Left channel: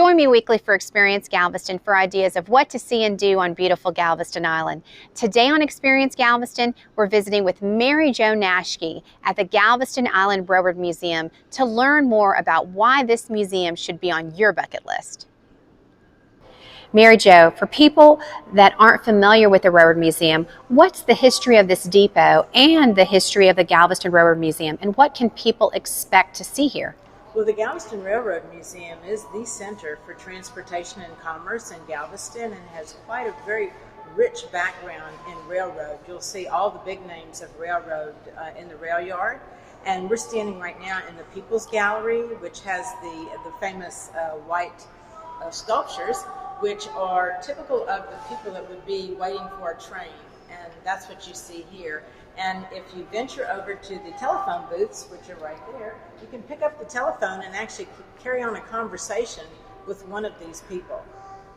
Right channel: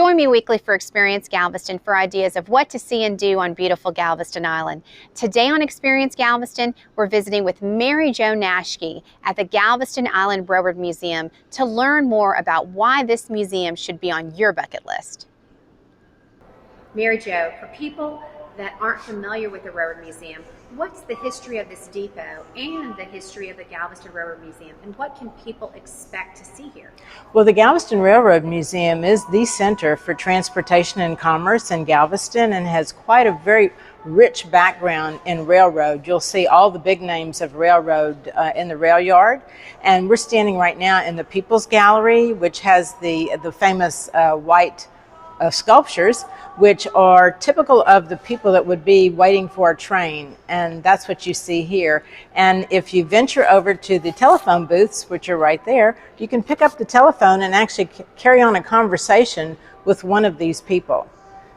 Join me weekly for Experience Galveston for ideas of what to see and do on beautiful Galveston Island. Today on Experience Galveston, we're visiting with Mary Jo Naschke at the Galveston Island Railroad Museum to learn more about why this museum should be on your bucket list. Mary Jo, for people that aren't familiar with the Railroad Museum, what's the history of this depot and the history of the Galveston Railroad Museum, and what can people expect to see here? Well, the Galveston Railroad Museum is the center for transportation and commerce in Galveston and has quite a very rich background in railroad. You'll see all the big names of railroad in the rail yard. And we're standing right now in the People's Gallery, which has the famous white sculptures, which are typical of the people that would be waiting for a train, and that's what you see here. And if you venture over to the telephone booths, which are right there, you can pick up the telephone and actually carry on a conversation with one of these people.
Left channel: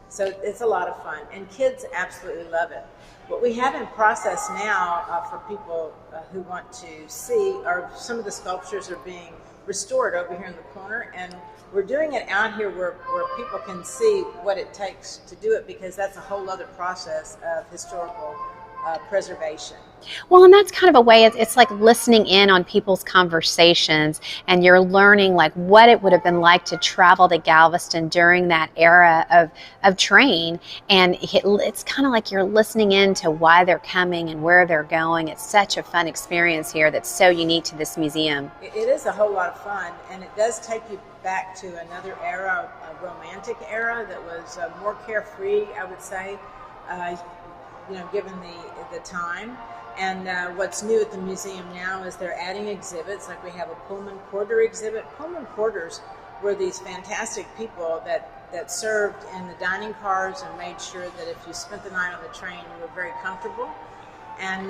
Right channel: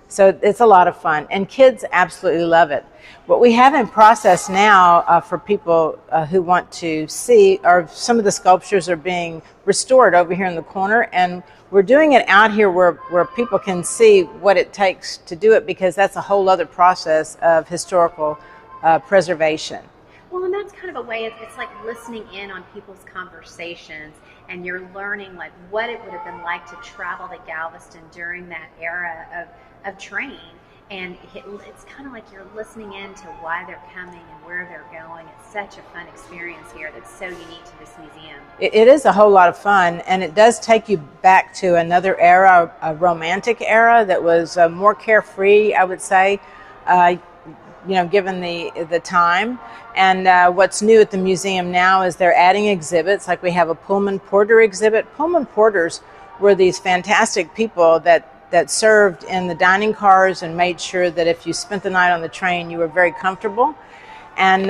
So it's a lot of fun, and kids absolutely love it. What we have in process now for people who want to see are some of the sculptures are being restored over here in the corner, and we're doing it out here where people can see what it takes to do it, because that's a whole other process of historical preservation. Well, and that's kind of a way, it's like listening in on people's conversations, and you're learning like what it would have been like to travel to Galveston during that era of train, and it's kind of like you're listening in to why they're coming and where they're going. It's such a fun experience here that's so unique to this museum. It is a whole lot of fun, and it does take you back to another era, a romantic era that was more carefree, I would say, given the time. And what's new at the museum now is they're adding exhibits, like we have a Pullman Porter exhibit. Pullman Porters were these fantastic people that served in the dining cars and made sure that if you spent the night on the train, you were very comfortable. And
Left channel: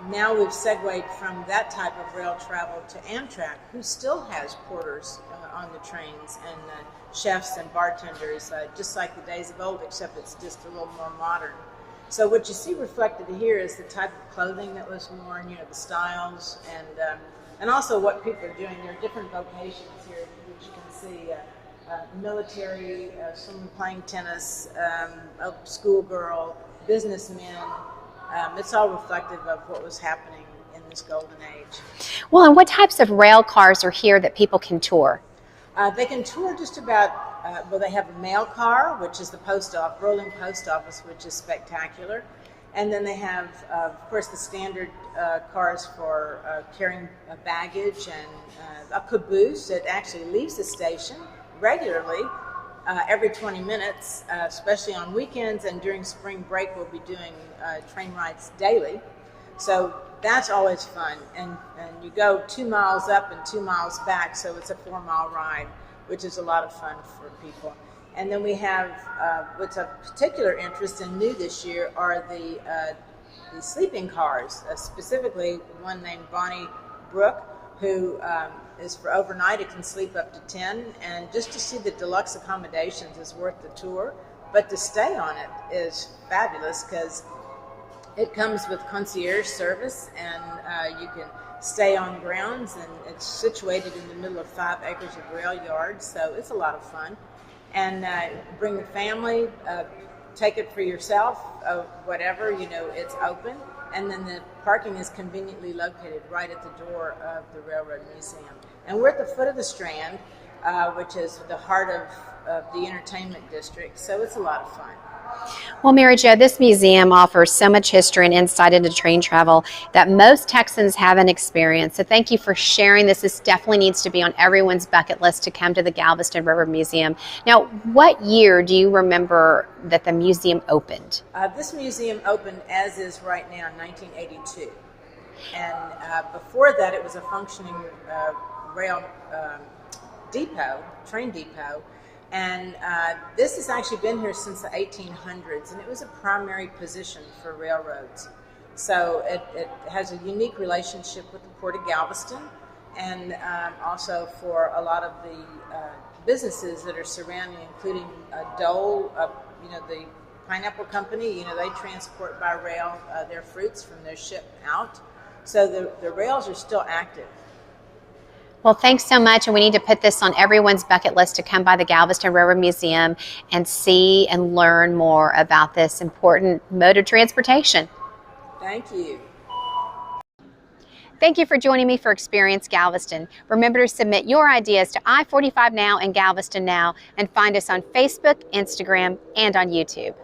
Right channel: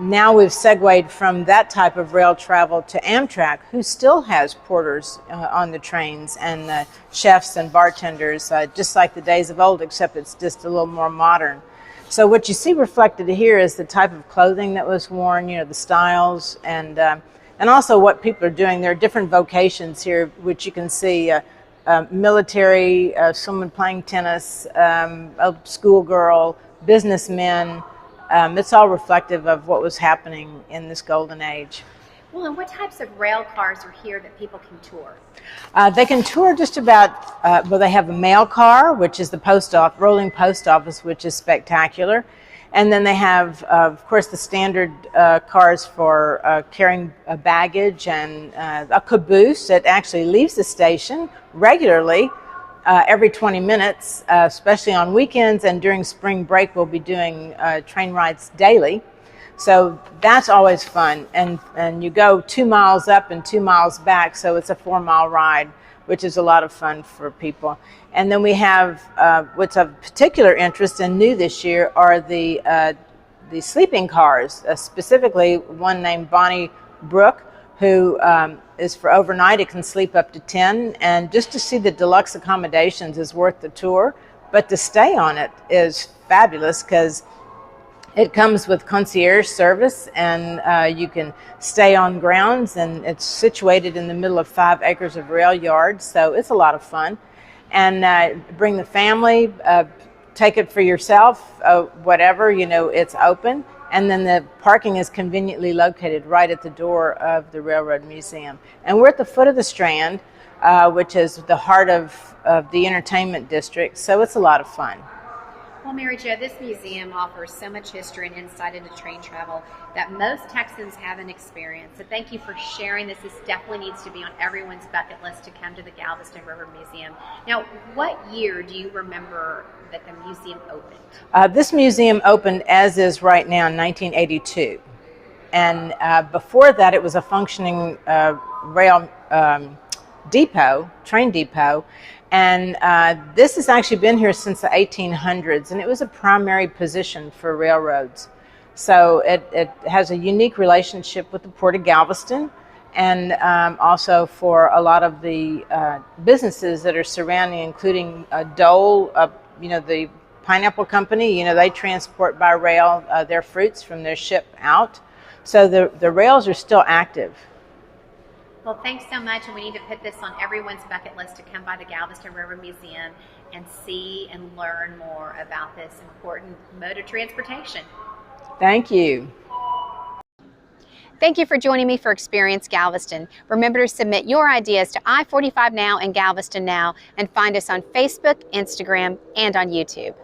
now we've segued from that type of rail travel to Amtrak, who still has porters on the trains, and chefs and bartenders, just like the days of old, except it's just a little more modern. So what you see reflected here is the type of clothing that was worn, the styles, and also what people are doing. There are different vocations here, which you can see, military, someone playing tennis, a schoolgirl, businessmen. It's all reflective of what was happening in this golden age. Well, and what types of rail cars are here that people can tour? They can tour just about, they have a mail car, which is the rolling post office, which is spectacular. And then they have, of course, the standard cars for carrying baggage, and a caboose that actually leaves the station regularly every 20 minutes, especially on weekends, and during spring break we'll be doing train rides daily. So that's always fun, and you go 2 miles up and 2 miles back, so it's a 4-mile ride, which is a lot of fun for people. And then we have what's of particular interest and new this year are the sleeping cars, specifically one named Bonnie Brook, who is for overnight. It can sleep up to 10, and just to see the deluxe accommodations is worth the tour, but to stay on it is fabulous, because it comes with concierge service, and you can stay on grounds, and it's situated in the middle of 5 acres of rail yard, so it's a lot of fun. And bring the family, take it for yourself, whatever, it's open. And then the parking is conveniently located right at the door of the Railroad Museum. And we're at the foot of the Strand, which is the heart of the entertainment district, so it's a lot of fun. Well, Mary Jo, this museum offers so much history and insight into train travel that most Texans haven't experienced. So thank you for sharing this. This definitely needs to be on everyone's bucket list to come to the Galveston Railroad Museum. Now, what year do you remember that the museum opened? This museum opened, as is right now, in 1982. And before that, it was a functioning rail train depot. And this has actually been here since the 1800s, and it was a primary position for railroads. So it has a unique relationship with the Port of Galveston, and also for a lot of the businesses that are surrounding, including Dole, the pineapple company. They transport by rail their fruits from their ship out. So the rails are still active. Well, thanks so much, and we need to put this on everyone's bucket list to come by the Galveston Railroad Museum and see and learn more about this important mode of transportation. Thank you. Thank you for joining me for Experience Galveston. Remember to submit your ideas to I-45 Now and Galveston Now, and find us on Facebook, Instagram, and on YouTube.